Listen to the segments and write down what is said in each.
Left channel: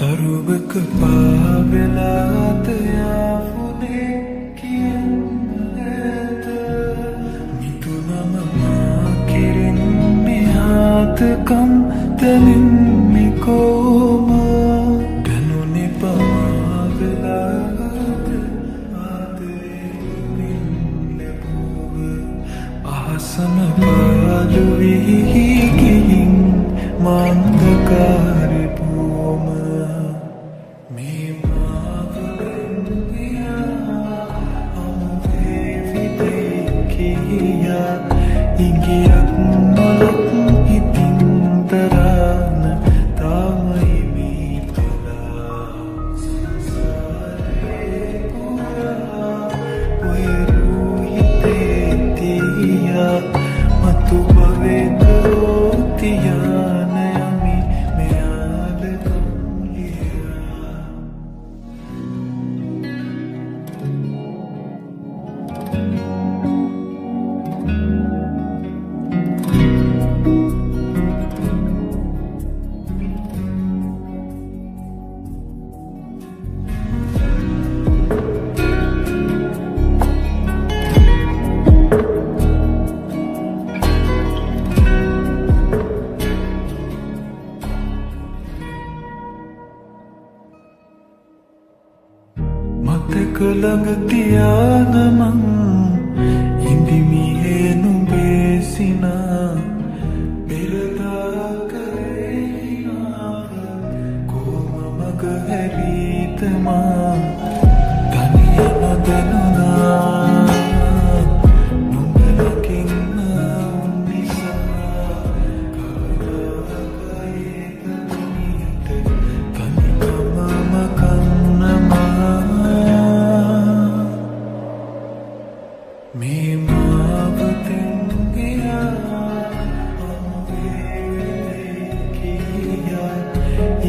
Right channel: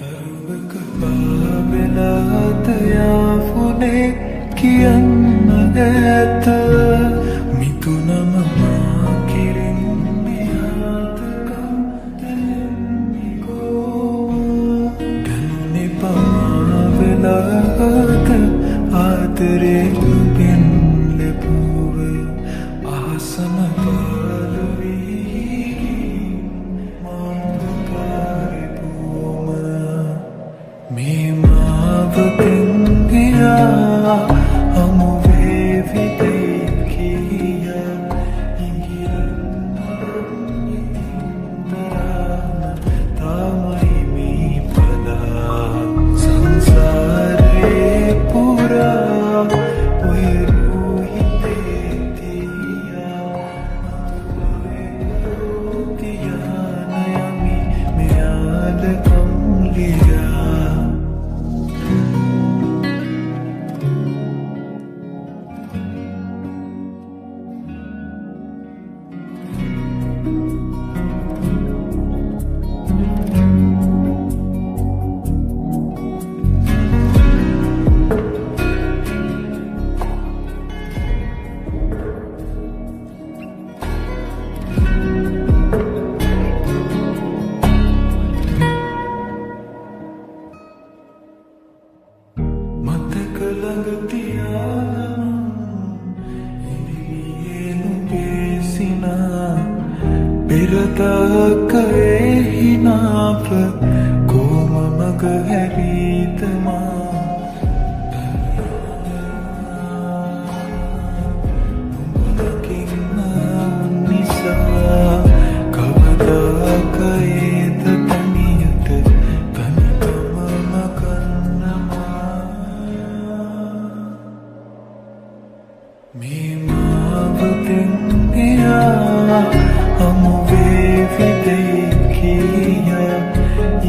තරුවක පාවෙලාත යාපුනේ කියන්න ඇත මිතුනම මා කෙරෙන්නේ ආතකම් දැනෙන්නේ කොම දැනුනේ පමාවෙලාත ආදරේ ඔබෙන් ලැබුව අහසම පාළු වී ගිහින් මන්දකාරේ පුවම මේ මාවතෙන් ගියා හමු වේවිතේ කියා ඉංගියක් නොලක් හිතින් දරාන තමයි මේ පලා සංසාරේ පුරා ඔය රූහිතේ තියා මතු භවෙක තියාන යමි මෙයාද කම්ලියා මතක ළඟ තියාන මං ඉඳිමියේ නුඹේ සිනා පෙරදාක එහිනාප කොම මග හැරීත මා තනිය නොදැනුණා නුඹ ළඟින්ම නිසා කවදාක ඒද තනියට තනිකමම කන්නමා මේ මාවතෙන් ගියා හමු වේවිතේ කියා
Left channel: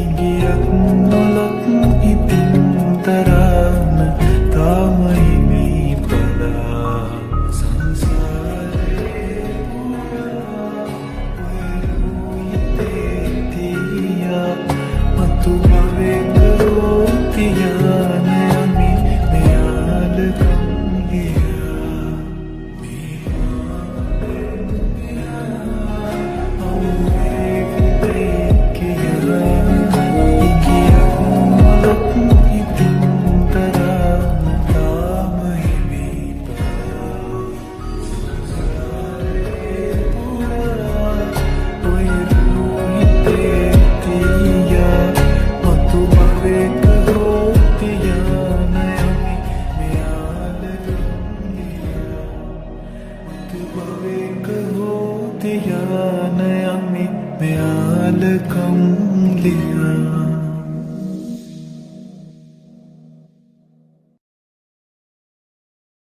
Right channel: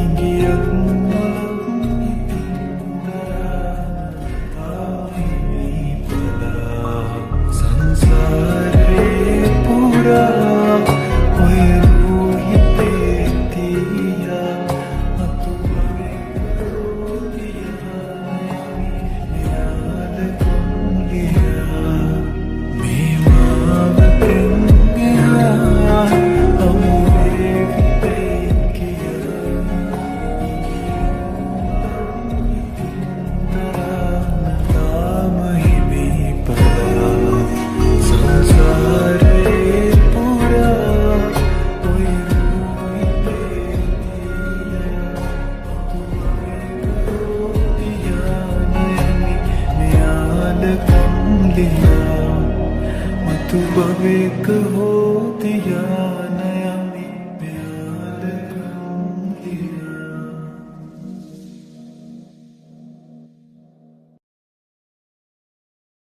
ඉංගියක් නොලක් හිතින් දරාන තමයි මේ පලා සංසාරේ පුරා ඔය රූහිතේ තියා මතු භවෙක තියාන යමි මෙයාද කම්ලියා මේ මාවතෙන් ගියා හමු වේවිතේ කියා ඉංගියක් නොලක් හිතින් දරාන තමයි මේ පලා සංසාරේ පුරා ඔය රූහිතේ තියා මතු භවෙක තියාන යමි මෙයාද කම්ලියා මතු භවෙක තියාන යමි මෙයාද කම්ලියා